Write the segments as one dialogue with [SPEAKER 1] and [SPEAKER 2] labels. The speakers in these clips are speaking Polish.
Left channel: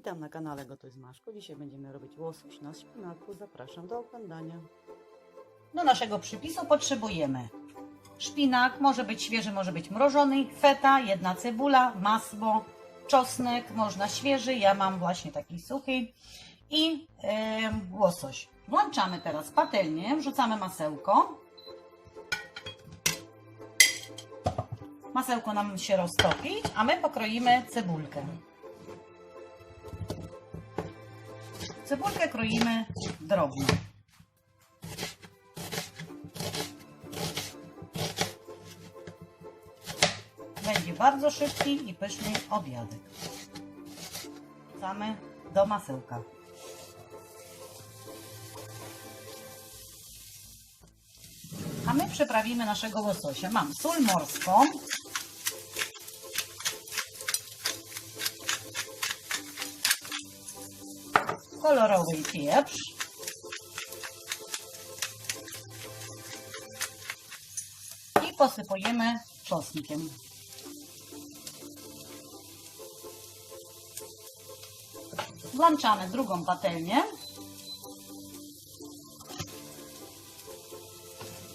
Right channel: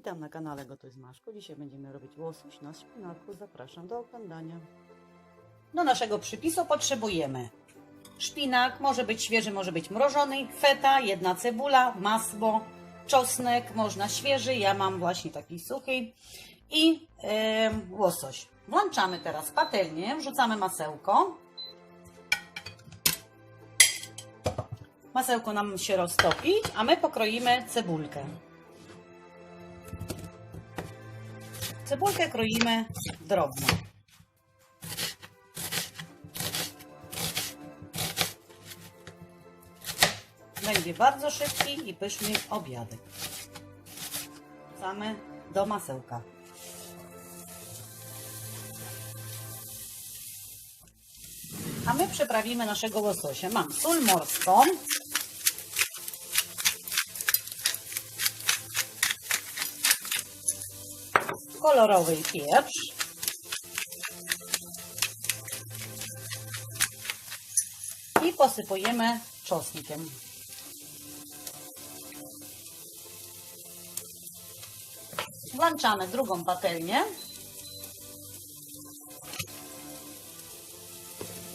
[SPEAKER 1] Witam na kanale Gotuj z Maszką. Dzisiaj będziemy robić łosoś na szpinaku. Zapraszam do oglądania.
[SPEAKER 2] Do naszego przypisu potrzebujemy szpinak, może być świeży, może być mrożony, feta, jedna cebula, masło, czosnek, można świeży, ja mam właśnie taki suchy i em, łosoś. Włączamy teraz patelnię, wrzucamy masełko. Masełko nam się roztopi, a my pokroimy cebulkę. Cebulkę kroimy drobno. Będzie bardzo szybki i pyszny obiadek. Wrzucamy do masełka. A my przyprawimy naszego łososia. Mam sól morską. Kolorowy pieprz. I posypujemy czosnkiem. Włączamy drugą patelnię.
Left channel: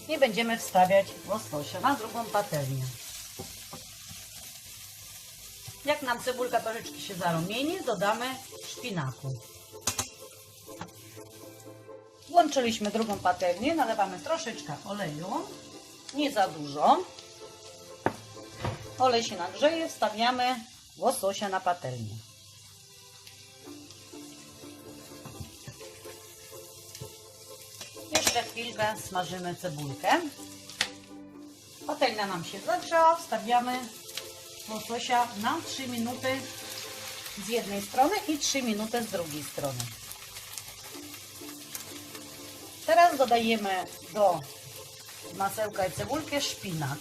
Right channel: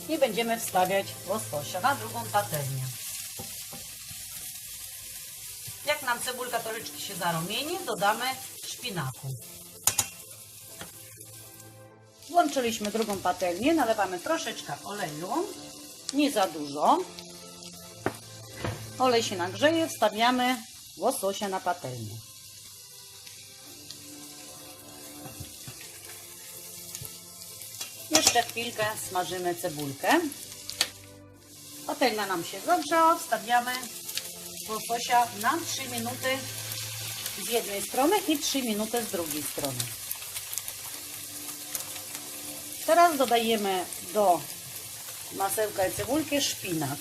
[SPEAKER 2] I będziemy wstawiać łososia na drugą patelnię. Jak nam cebulka troszeczkę się zarumieni, dodamy szpinaku. Włączyliśmy drugą patelnię, nalewamy troszeczkę oleju, nie za dużo. Olej się nagrzeje, wstawiamy łososia na patelnię. Jeszcze chwilkę smażymy cebulkę. Patelnia nam się zagrzała, wstawiamy łososia na 3 minuty z jednej strony i 3 minuty z drugiej strony. Teraz dodajemy do masełka i cebulki szpinak.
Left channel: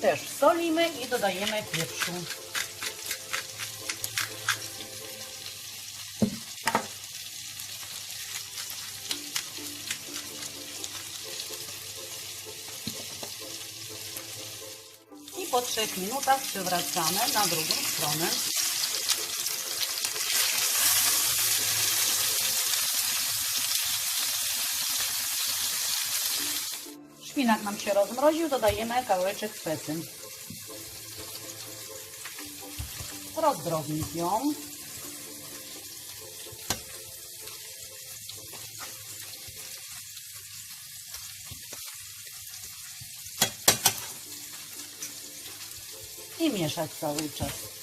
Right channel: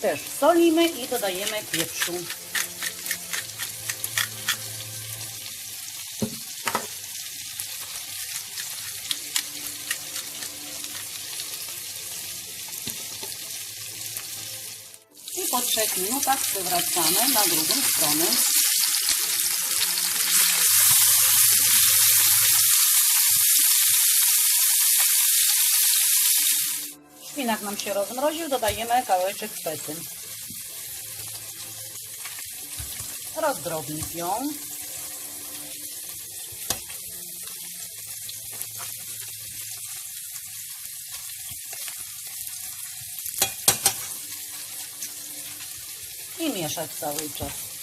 [SPEAKER 2] Też solimy i dodajemy pieprzu. I po 3 minutach przywracamy na drugą stronę. Szpinak nam się rozmroził, dodajemy kawałeczek fety. Rozdrobnić ją. I mieszać cały czas.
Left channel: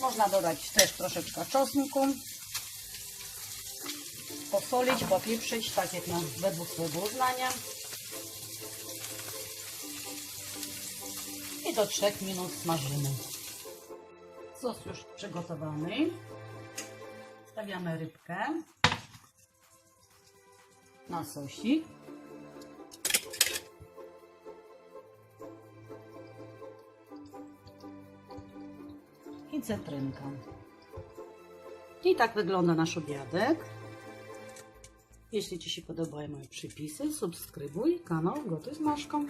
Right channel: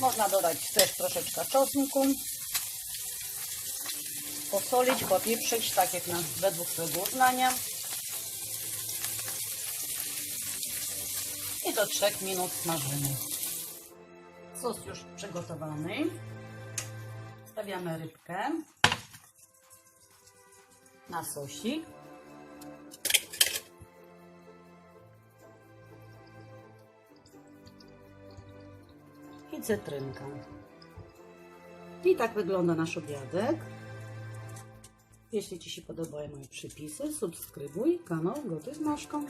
[SPEAKER 2] Można dodać też troszeczkę czosnku. Posolić, popieprzyć, tak jak na według swojego uznania. I do 3 minut smażymy. Sos już przygotowany. Stawiamy rybkę na sosik. I cytrynka. I tak wygląda nasz obiadek. Jeśli Ci się podobają moje przypisy, subskrybuj kanał Gotuj z Maszką.